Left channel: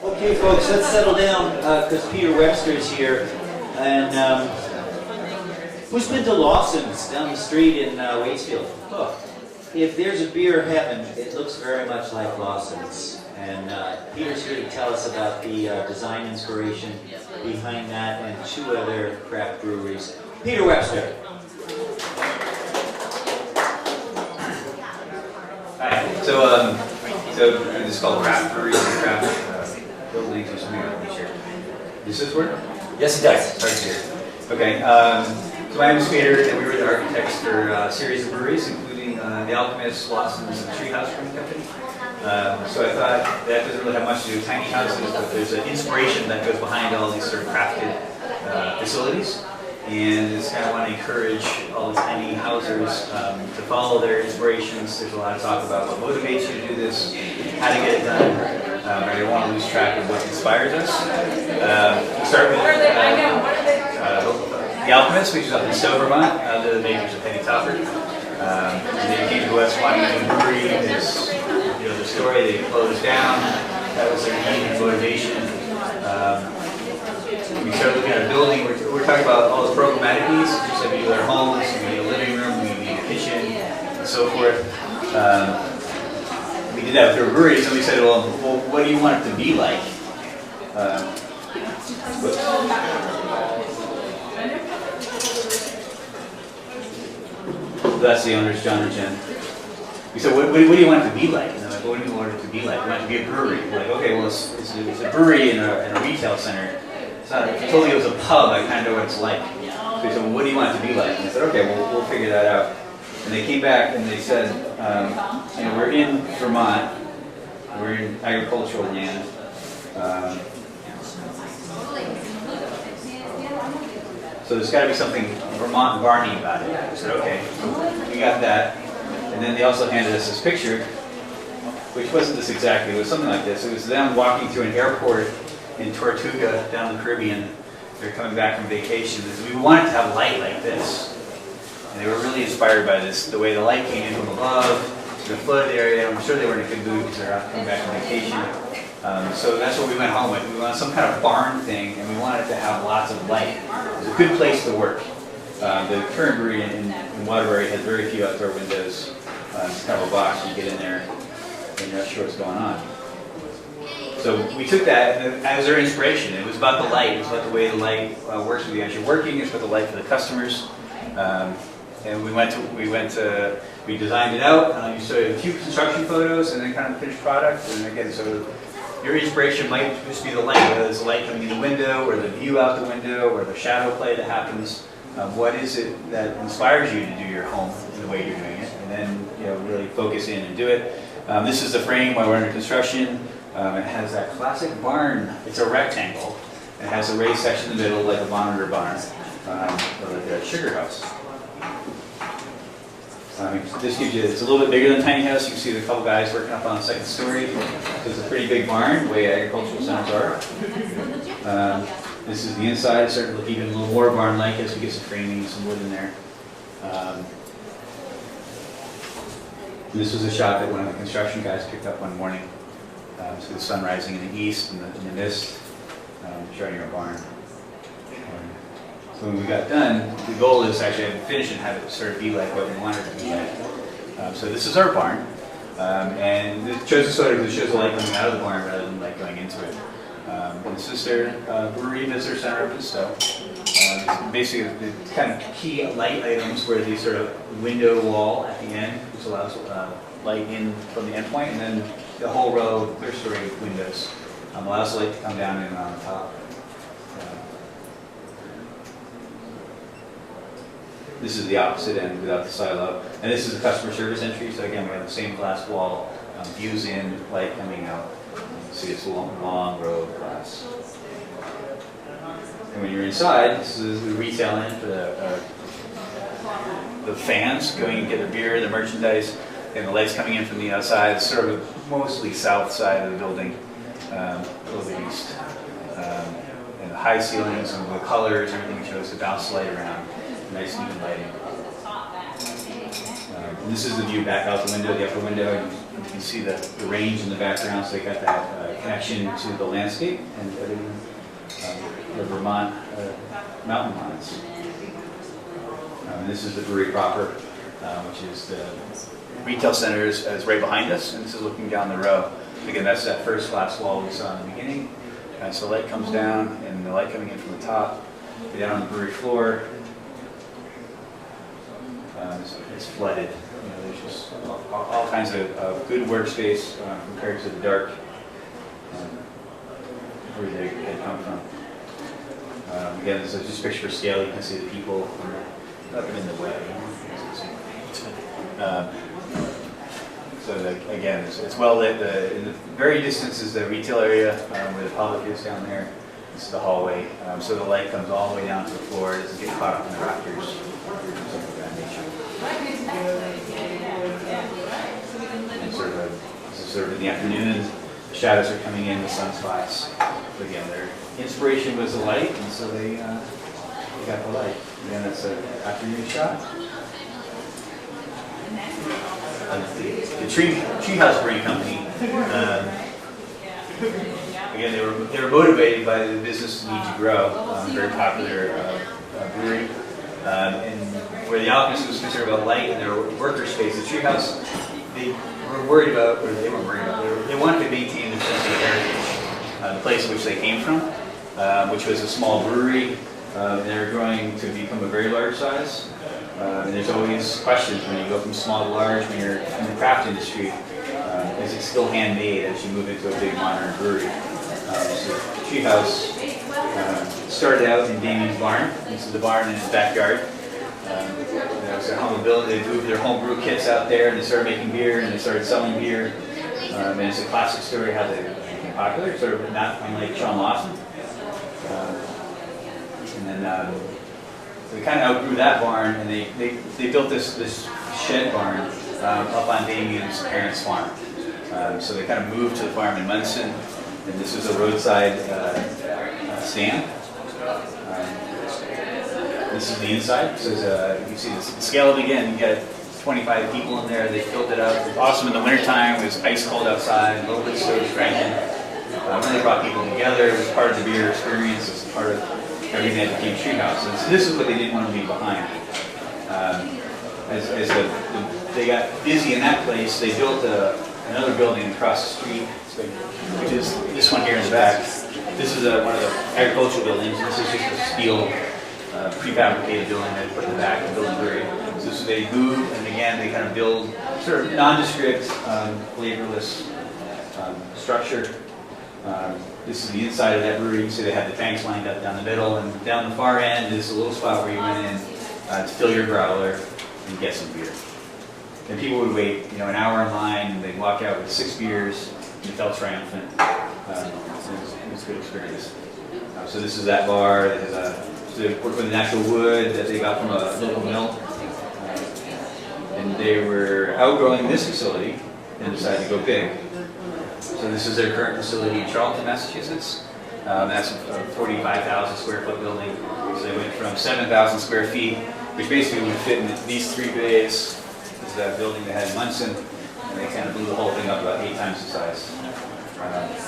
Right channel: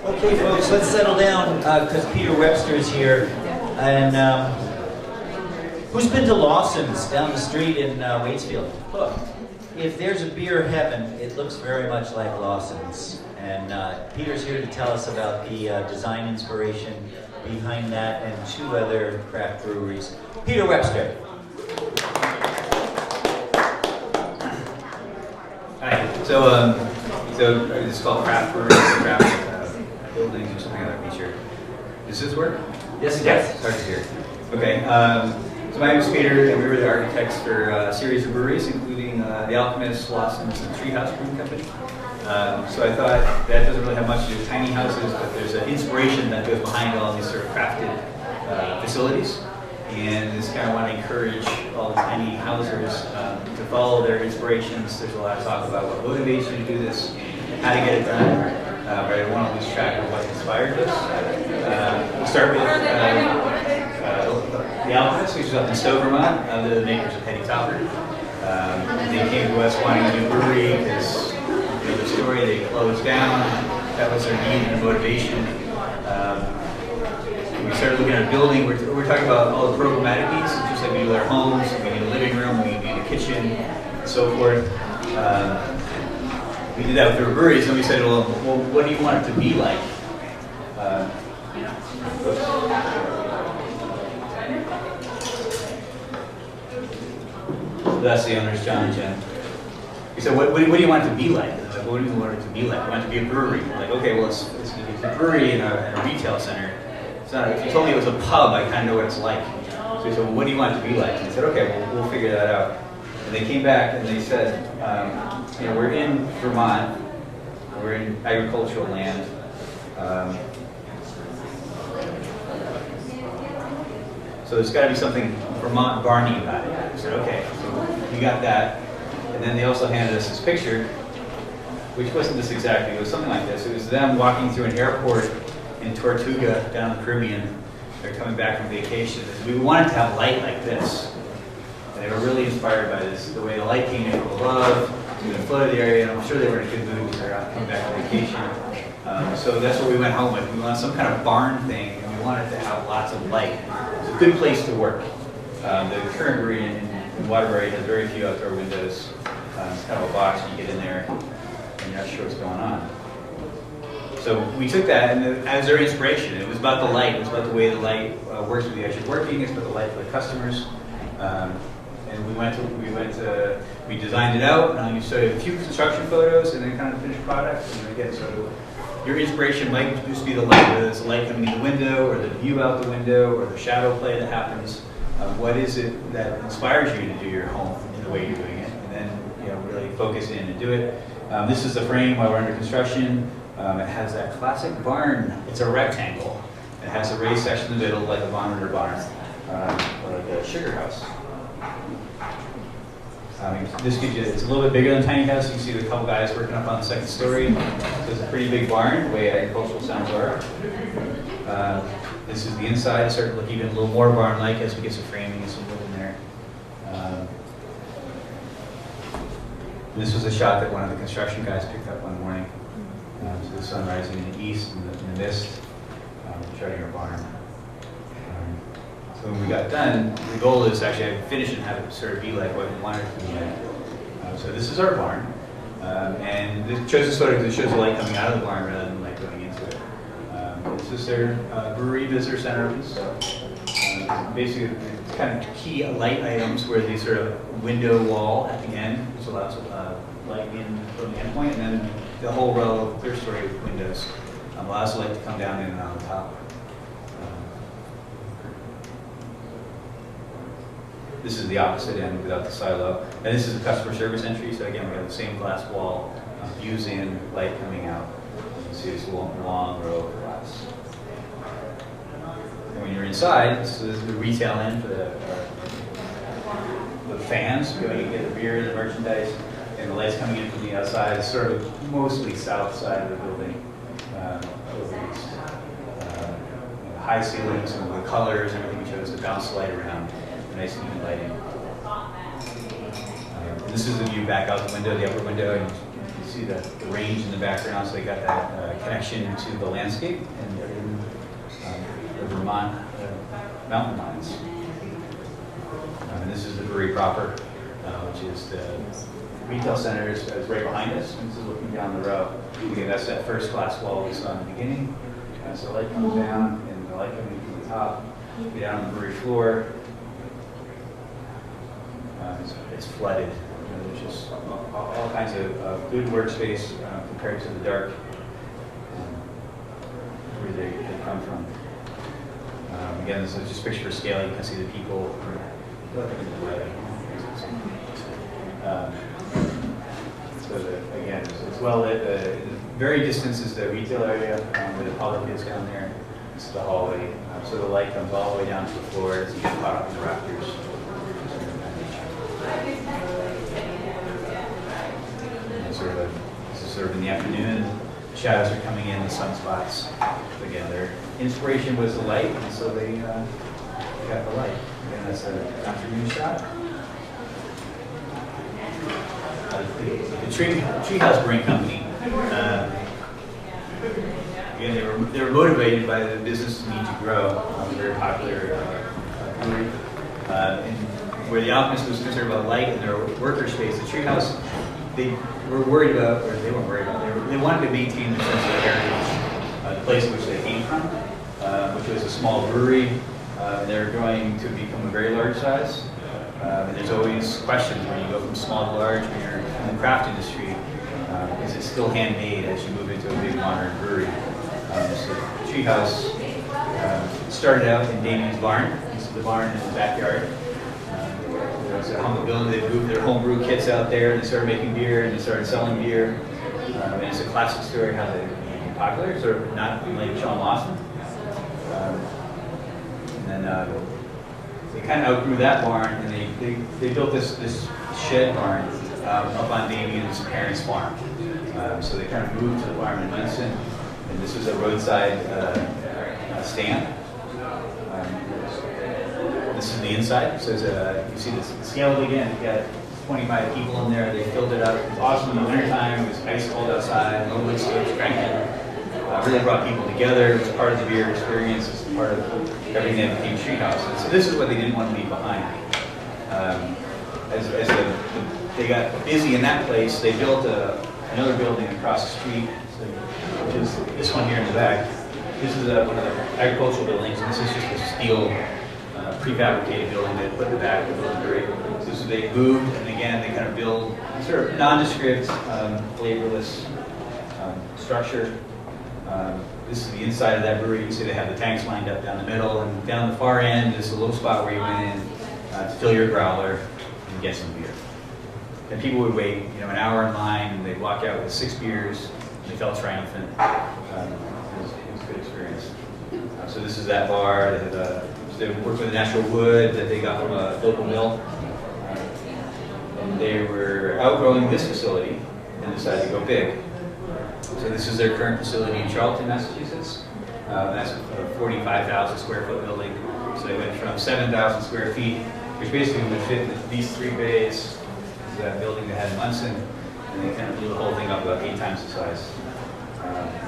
Okay, folks, let's settle down because Peter Webster is here. And who's been to Lawson's down the street in Waitsfield? Oh, if there's a beer heaven, it looks very much like Lawson's. And Peter's here to tell us about the design inspiration behind that and two other craft breweries. Peter Webster. Hi. So it's called craft breweries and craft buildings or something like that. Sure. Does this work? Yes, it does. Starts here. Okay. So my name is Peter, and we were the architects for a series of breweries, including the Alchemist, Lawson's, and Treehouse Brewing Company. So I thought that doesn't really have much to do with tiny houses, but there's an inspiration that goes behind all these sort of crafted facilities. And just kind of want to encourage all the tiny housers to follow their inspirations. There's a lot of talk about what motivates you to do this, how to get it done. I don't want to lose track of what inspires us. We'll start with the Alchemist, which is up in Stowe, Vermont. They're the makers of Penny Topper. They came to us wanting a new brewery. You know the story. They closed down. That was their need and motivation. We started looking at a building. We're talking about all the programmatic needs, just like we do with our homes. We need a living room, we need a kitchen, and so forth. We did that with our brewery, so we said, well, what do you want it to be like? That's the owners, John and Jen. We said, what do you want it to be like? Like, what do you want it to be like? You want it to be a brewery. We're like, okay, well, it's a brewery in a retail center. If you told me it was a pub, I kind of know what it's like. So he said, well, what do you want it to be like? I said, okay, we'll figure that out. And they came back and they said, you know, we're in Vermont. We're in agricultural land. So there's got to be something Vermont Barney about it. I said, okay, you got that. And then they also handed us this picture, which wasn't this exactly. It was something like this. It was them walking through an airport in Tortuga, down the Caribbean. They're coming back from vacation. We wanted to have light like this. And they were really inspired by this, the way the light came in from above to the flooded area. I'm sure they were in a good mood because they're coming back from vacation. So that's what we went home with. We wanted some kind of barn thing, and we wanted to have lots of light. It's a good place to work. The current brewery in Waterbury has very few outdoor windows. It's kind of a box, and you get in there, and you're not sure what's going on. So we took that and as our inspiration. It was about the light. It was about the way the light works with you as you're working. It's about the light for the customers. And we designed it out. You saw a few construction photos and then kind of finished product. And again, so your inspiration might just be the light, whether it's the light coming in the window or the view out the window or the shadow play that happens. What is it that inspires you to do your home in the way you're doing it? And then really focus in and do it. This is the frame while we're under construction. It has that classic barn. It's a rectangle. It has a raised section in the middle, like a monitor barn, or like a sugar house. This gives you, it's a little bit bigger than a tiny house. You can see the couple guys working up on the second story. So it's a pretty big barn, the way agricultural centers are. This is the inside. It's starting to look even a little more barn-like as we get some framing and some wood in there. This was a shot that one of the construction guys picked up one morning. So the sun rising in the east and the mist, showing our barn. So when we got done, the goal is actually to finish it and have it sort of be like what we wanted it to be like. So this is our barn, and it shows the sort of, it shows the light coming out of the barn rather than light going into it. This is their brewery visitor center. So basically, the kind of key light items were these sort of window wall at the end, which allows light in from the end point, and then the whole row of clear-story windows allows the light to come down and on top. This is the opposite end without the silo. And this is the customer service entry. So again, we have the same glass wall, views in, light coming out. You can see it's a long row of glass. And when you're inside, this is the retail end for the fans going to get the beer, the merchandise, and the lights coming in from the outside. It's sort of mostly south side of the building, a little east. And the high ceilings, some of the colors, everything shows the bounce light around. Nice even lighting. And this is the view back out the window, the upper window, and You can see the range in the background, so they got that connection to the landscape and the Vermont mountain lines. And this is the brewery proper, which is the retail center is right behind us, and this is looking down the row. Again, that's that first glass wall we saw in the beginning. So light comes down, and the light coming in from the top, down on the brewery floor. It's flooded. And there's just all kinds of good workspace compared to the dark where they had come from. Again, this is just picture scale. You can see the people up in the way. So that, again, it's well lit. In the very distance is the retail area where the public is down there. This is the hallway. So the light comes all the way down to the floor. It doesn't get caught up in the rafters. This is sort of in the afternoon. The shadows are coming in with sunspots. But again, their inspiration was the light, and so they got the light. Again, it's an afternoon shot. The Treehouse Brewing Company. Again, they were motivated by the business need to grow. Very popular brewery. And where the Alchemist was concerned about light and their worker space, the Treehouse, they were worried about, or they weren't worried about, they wanted to maintain the sense of heritage, the place in which they came from, which was a small brewery. They're growing to become a very large size. And there's always questions when you go from small to large when you're in the craft industry. Is it still handmade as you move into a big modern brewery? So Treehouse started out in Damien's barn. This is the barn in his backyard. There was a home building. They moved their homebrew kits out there, and they started making beer, and they started selling beer. And it's a classic story how they became popular, sort of not unlike Sean Lawson. And then they kind of outgrew that barn, and they built this shed barn up on Damien's parents' farm. So they kind of moved to the farm in Munson, and this was a roadside stand. This is the inside. So you see the scale of it again. You got 25 people in there. They built it up. It was awesome in the wintertime. It was ice cold outside. A little bit of stove cranking. Really brought people together. It was part of the beer experience. It was part of everything that became Treehouse. So this is what they didn't want to leave behind. They got busy in that place, they built another building across the street, which is this one here in the back. This is one of the agricultural buildings. This is just a steel prefabricated building they put in the back of the building. So they moved, and again, they kind of build sort of nondescript, flavorless structure. This is the inside of that brewery. You see they have the tanks lined up down the middle, and down the far end is a little spot where you went in to fill your growler and get some beer. And people would wait, an hour in line, and they'd walk out with 6 beers, and you felt triumphant. It was a good experience. So this is that bar. They work with natural wood that they got from a local mill. And they were outgrowing this facility and decided to go big. So this is their current facility in Charlton, Massachusetts. That's a 45,000 square foot building. So they went from 7,000 square feet, which basically would fit in these 3 bays, to that building they had in Munson, and they kind of blew the whole thing up about 8 times the size.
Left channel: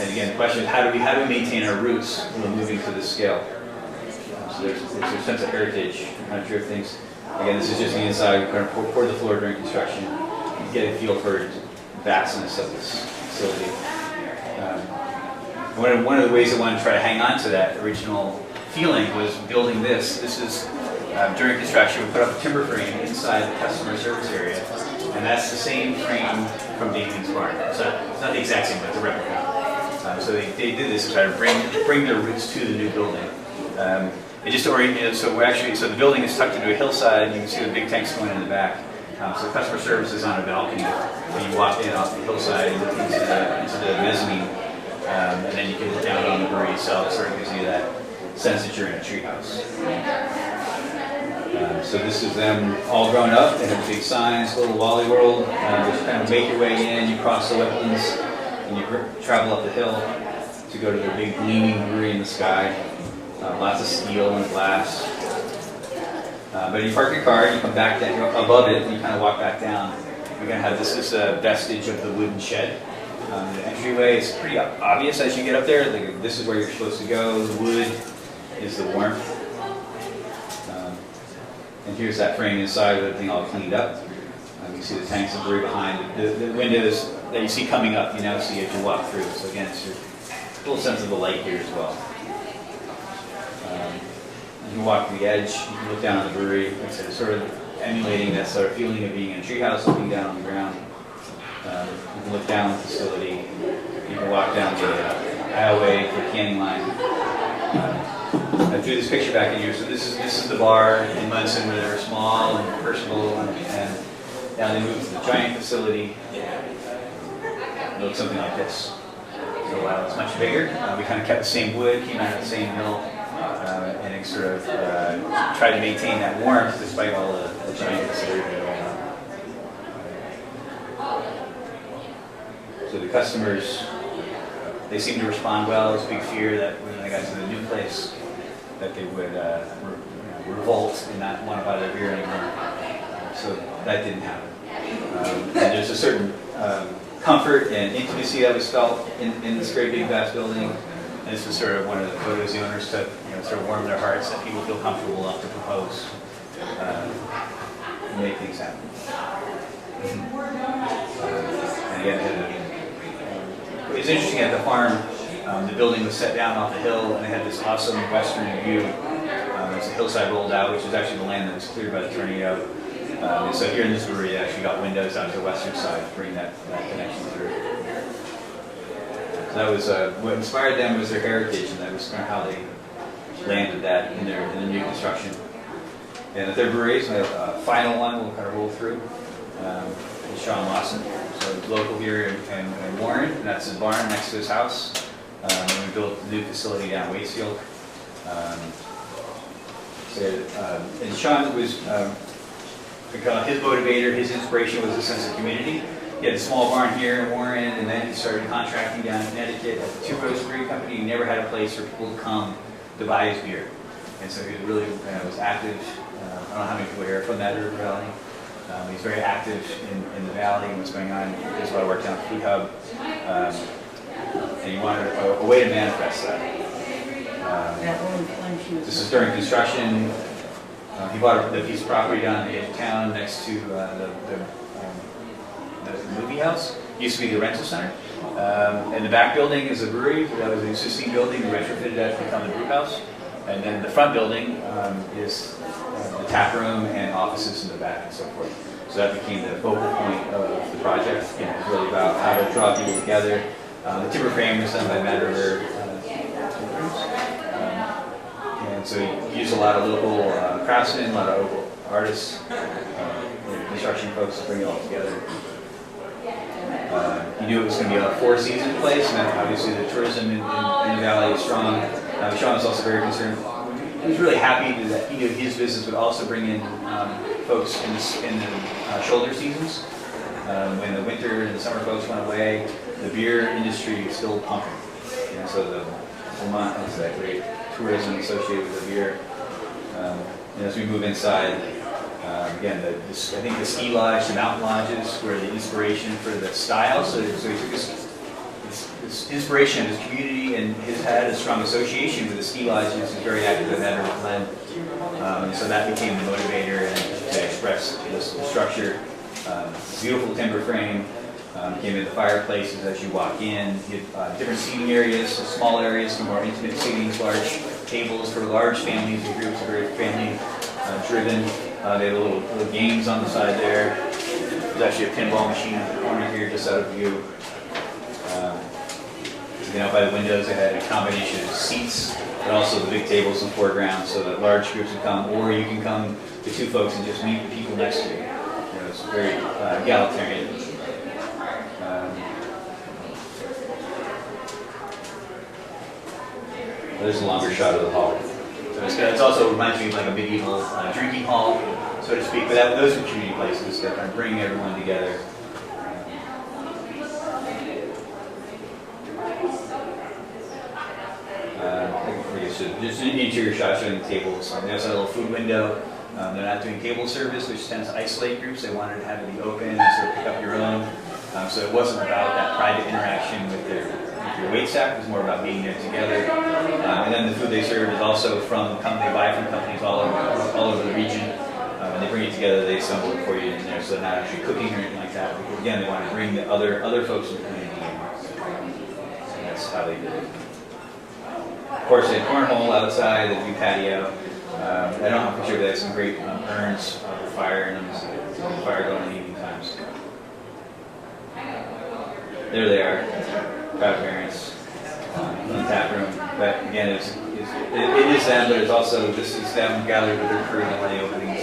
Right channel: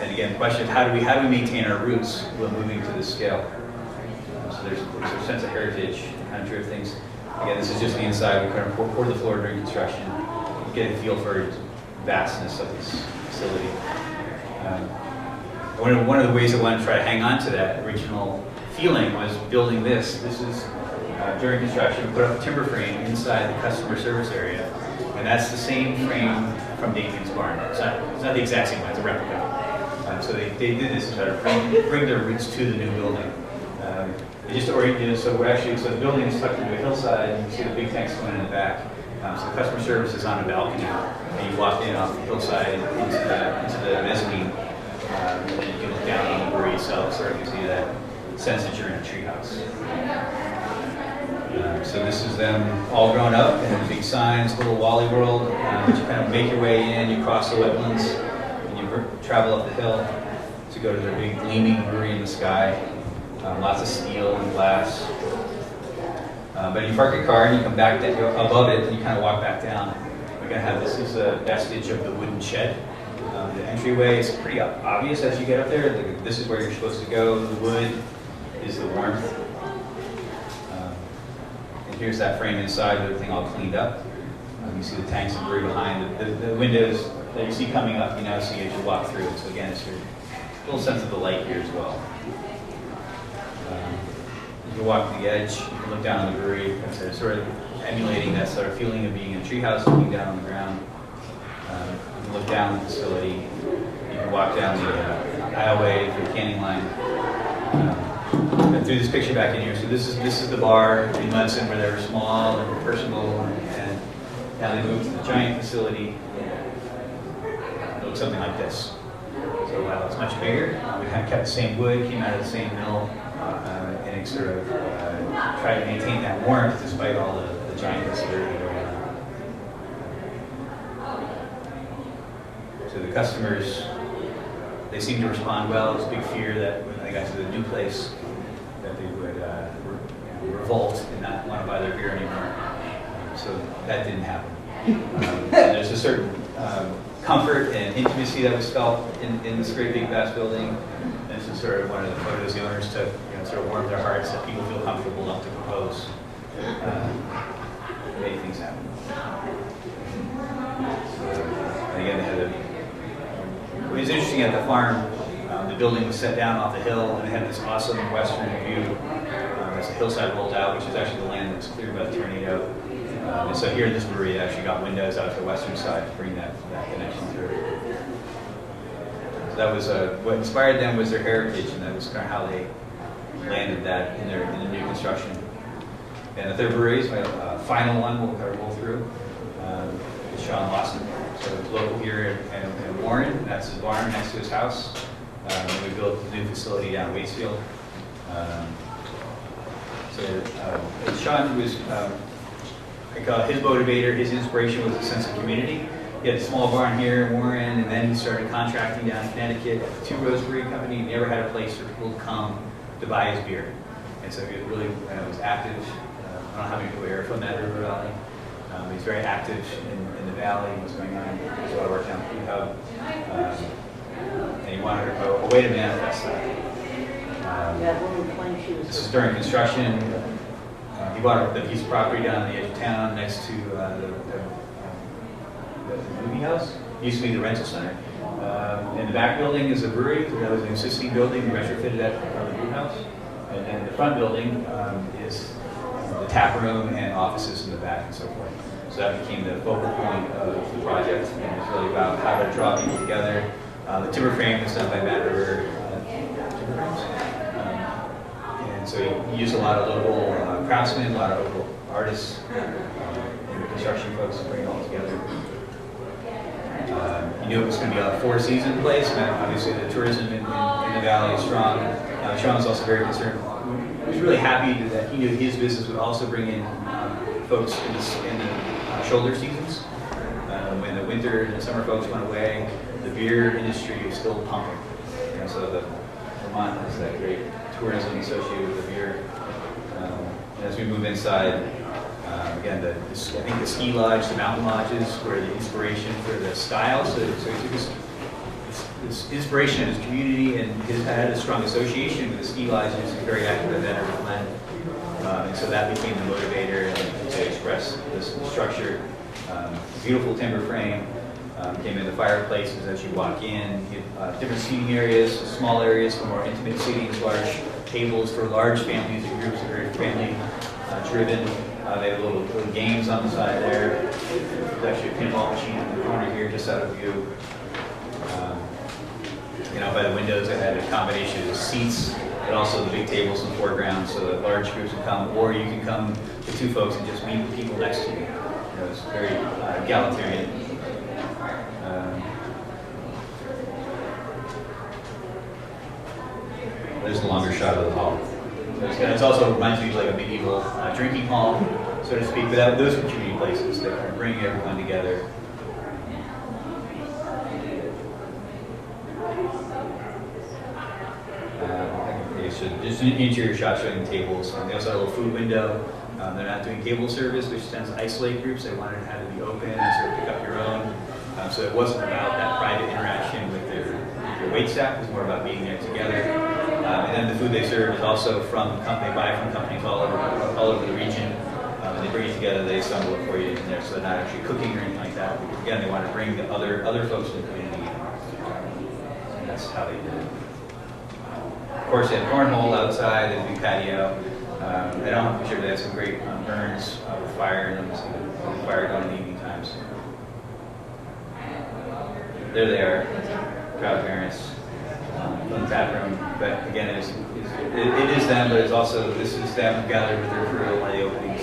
And again, the question is, how do we maintain our roots while moving to this scale? So there's a sense of heritage, kind of drift things. Again, this is just the inside. We kind of poured the floor during construction. You get a feel for the vastness of this facility. One of the ways I wanted to try to hang on to that original feeling was building this. This is during construction. We put up a timber frame inside the customer service area, and that's the same frame from Damien's barn. It's not the exact same, but it's a replica. So they did this to try to bring their roots to the new building. It just oriented. So the building is tucked into a hillside. You can see the big tanks going in the back. So the customer service is on a balcony, and you walk in off the hillside into the mezzanine, and then you can look down on the brewery itself, so you can see that sense that you're in a treehouse. So this is them all grown up. They have big signs, little Wally World. You kind of make your way in, you cross the wetlands, and you travel up the hill to go to their big gleaming brewery in the sky. Lots of steel and glass. But you park your car and you come back above it, and you kind of walk back down. We're going to have this is a vestige of the wooden shed. The entryway is pretty obvious as you get up there. This is where you're supposed to go. The wood is the warmth. And here's that frame inside with everything all cleaned up. You see the tanks of brew behind. The windows that you see coming up, you now see as you walk through. So again, it's a little sense of the light here as well. You can walk to the edge, you can look down on the brewery. It's sort of emulating that sort of feeling of being in a treehouse, looking down on the ground. You can look down the facility. You can walk down the aisleway for the canning line. I threw this picture back in here. So this is the bar in Munson where they were small and personal, and now they moved to the giant facility. It looks something like this. So it's much bigger. We kind of kept the same wood, came out of the same mill, and it sort of tried to maintain that warmth despite all the giant facility going on. So the customers, they seem to respond well. There's a big fear that when they got to the new place, that they would revolt and not want to buy their beer anymore. So that didn't happen. And there's a certain comfort and intimacy that was felt in this great big vast building. And this was sort of one of the photos the owners took, sort of warm their hearts that people feel comfortable enough to compose, make things happen. And again, it was interesting at the farm. The building was set down off the hill, and it had this awesome western view as the hillside rolled out, which was actually the land that was cleared by the tornado. And so here in this brewery, they actually got windows out to the western side to bring that connection through. So that was what inspired them was their heritage, and that was kind of how they landed that in the new construction. And the third brewery is my final one we'll kind of roll through. Is Lawson. So it's local here in Warren, and that's his barn next to his house. And we built a new facility down in Waitsfield. And Sean was, his motivator, his inspiration was a sense of community. He had a small barn here in Warren, and then he started contracting down in Connecticut. Two-Coast Brewing Company. He never had a place for people to come to buy his beer. And so he really was active. I don't know how many people here from that River Valley. He's very active in the valley, what's going on. He does a lot of work down at Treehouse. And he wanted a way to manifest that. This is during construction. He bought a piece of property down in the edge of town next to the movie house. It used to be the rental center. And the back building is a brewery. That was an existing building. We retrofitted that to become the brew house. And then the front building is the tap room and offices in the back and so forth. So that became the focal point of the project. And it's really about how to draw people together. The timber frame was done by Matt River. And so he used a lot of local craftsmen, a lot of local artists, and construction folks to bring it all together. He knew it was going to be a four-season place, and obviously the tourism in the valley is strong. Sean was also very concerned. He was really happy that he knew his business would also bring in folks in the shoulder seasons. When the winter and the summer folks went away, the beer industry was still pumping. So the Vermont has that great tourism associated with the beer. As we move inside, again, I think the ski lodge, the mountain lodges were the inspiration for the style. So his inspiration of his community, and his had a strong association with the ski lodges. He's very active with that land. And so that became the motivator, and to express this structure. Beautiful timber frame. Came in the fireplaces as you walk in. You get different seating areas, small areas for more intimate seating, large tables for large families and groups, very family driven. They have little games on the side there. There's actually a pinball machine in the corner here, just out of view. By the windows, they had a combination of seats, but also the big tables in the foreground, so that large groups would come, or you can come to two folks and just meet the people next to you. It's very egalitarian. There's a longer shot of the hall. So it also reminds me of like a medieval drinking hall, so to speak. But those are community places that are bringing everyone together. Just an interior shot showing tables. There's a little food window. They're not doing cable service, which tends to isolate groups. They wanted to have it be open and sort of pick up your own. So it wasn't about that private interaction with their wait staff. It was more about being there together. And then the food they serve is also from they buy from companies all over the region. And they bring it together. They assemble it for you in there. So they're not actually cooking or anything like that. Again, they want to bring the other folks in the community in. And that's how they did it. Of course, they have cornhole outside, they do patio. I don't know for sure, but they have some great urns with fire in them, so the fire going in evening times. There they are, proud parents from the tap room. But again, it is them, but it's also, this is them gathered with their crew at the openings.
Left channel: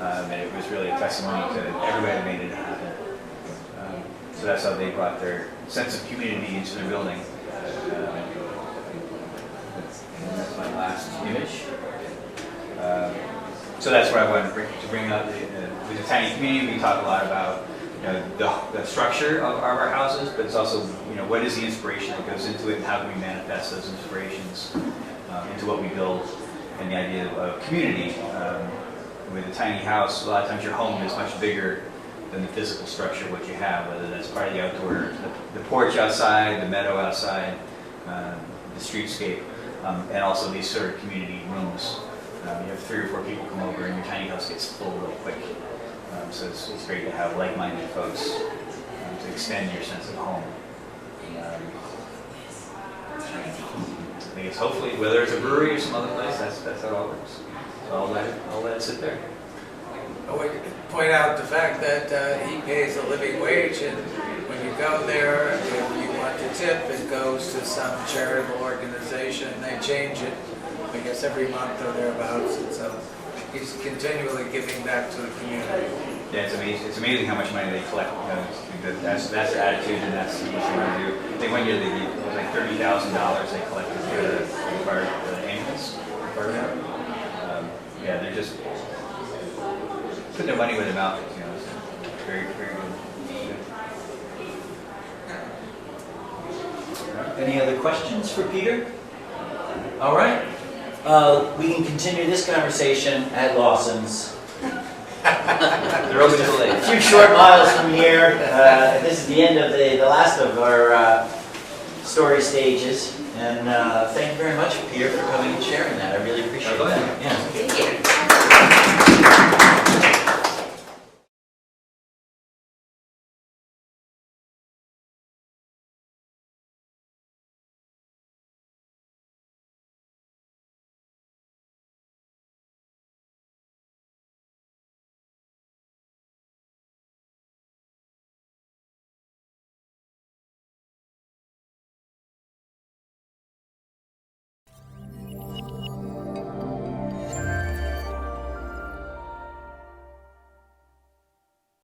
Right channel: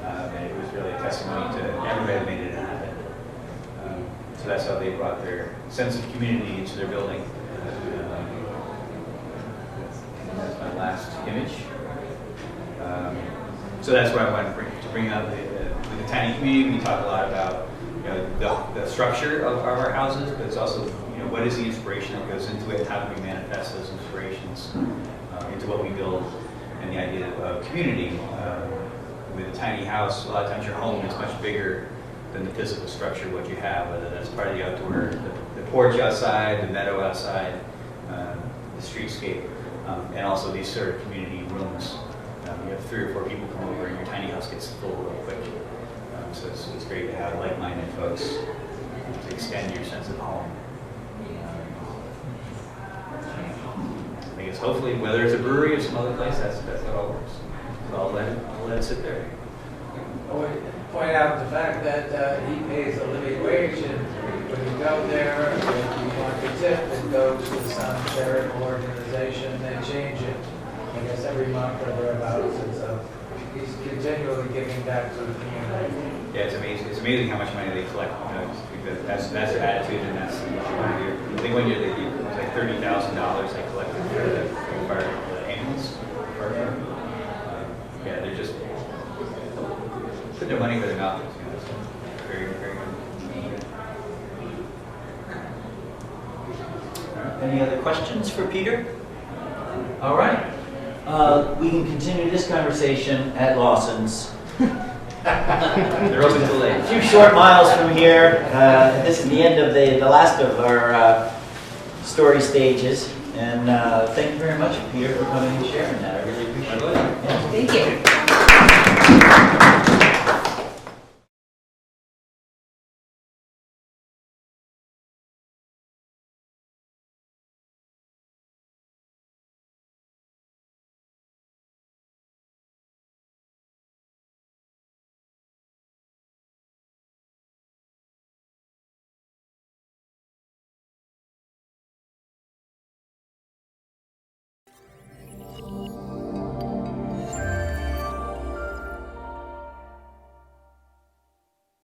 And it was really a testimony to everybody that made it happen. So that's how they brought their sense of community into their building. My last image. So that's what I wanted to bring up. With the tiny community, we talk a lot about the structure of our houses, but it's also what is the inspiration that goes into it? How do we manifest those inspirations into what we build? And the idea of community. With a tiny house, a lot of times your home is much bigger than the physical structure, what you have, whether that's part of the outdoor, the porch outside, the meadow outside, the streetscape. And also these sort of community rooms. You have 3 or 4 people come over and your tiny house gets full real quick. So it's great to have like-minded folks to extend your sense of home. I think it's hopefully, whether it's a brewery or some other place, that's how it all works. So I'll let it sit there. I would point out the fact that he pays a living wage, and when you go there, if you want to tip, it goes to some charitable organization. They change it, I guess, every month or thereabouts, and so he's continually giving back to the community. Yeah, it's amazing. It's amazing how much money they collect. That's their attitude, and that's what they want to do. They went there, it was like $30,000 they collected for the ambulance. Yeah, they're just putting their money where their mouth is. It's very, very good. Any other questions for Peter? All right. We can continue this conversation at Lawson's. They're open till late. A few short miles from here. This is the end of the last of our story stages. And thank you very much, Peter, for coming and sharing that. I really appreciate it. Yeah. Thank you.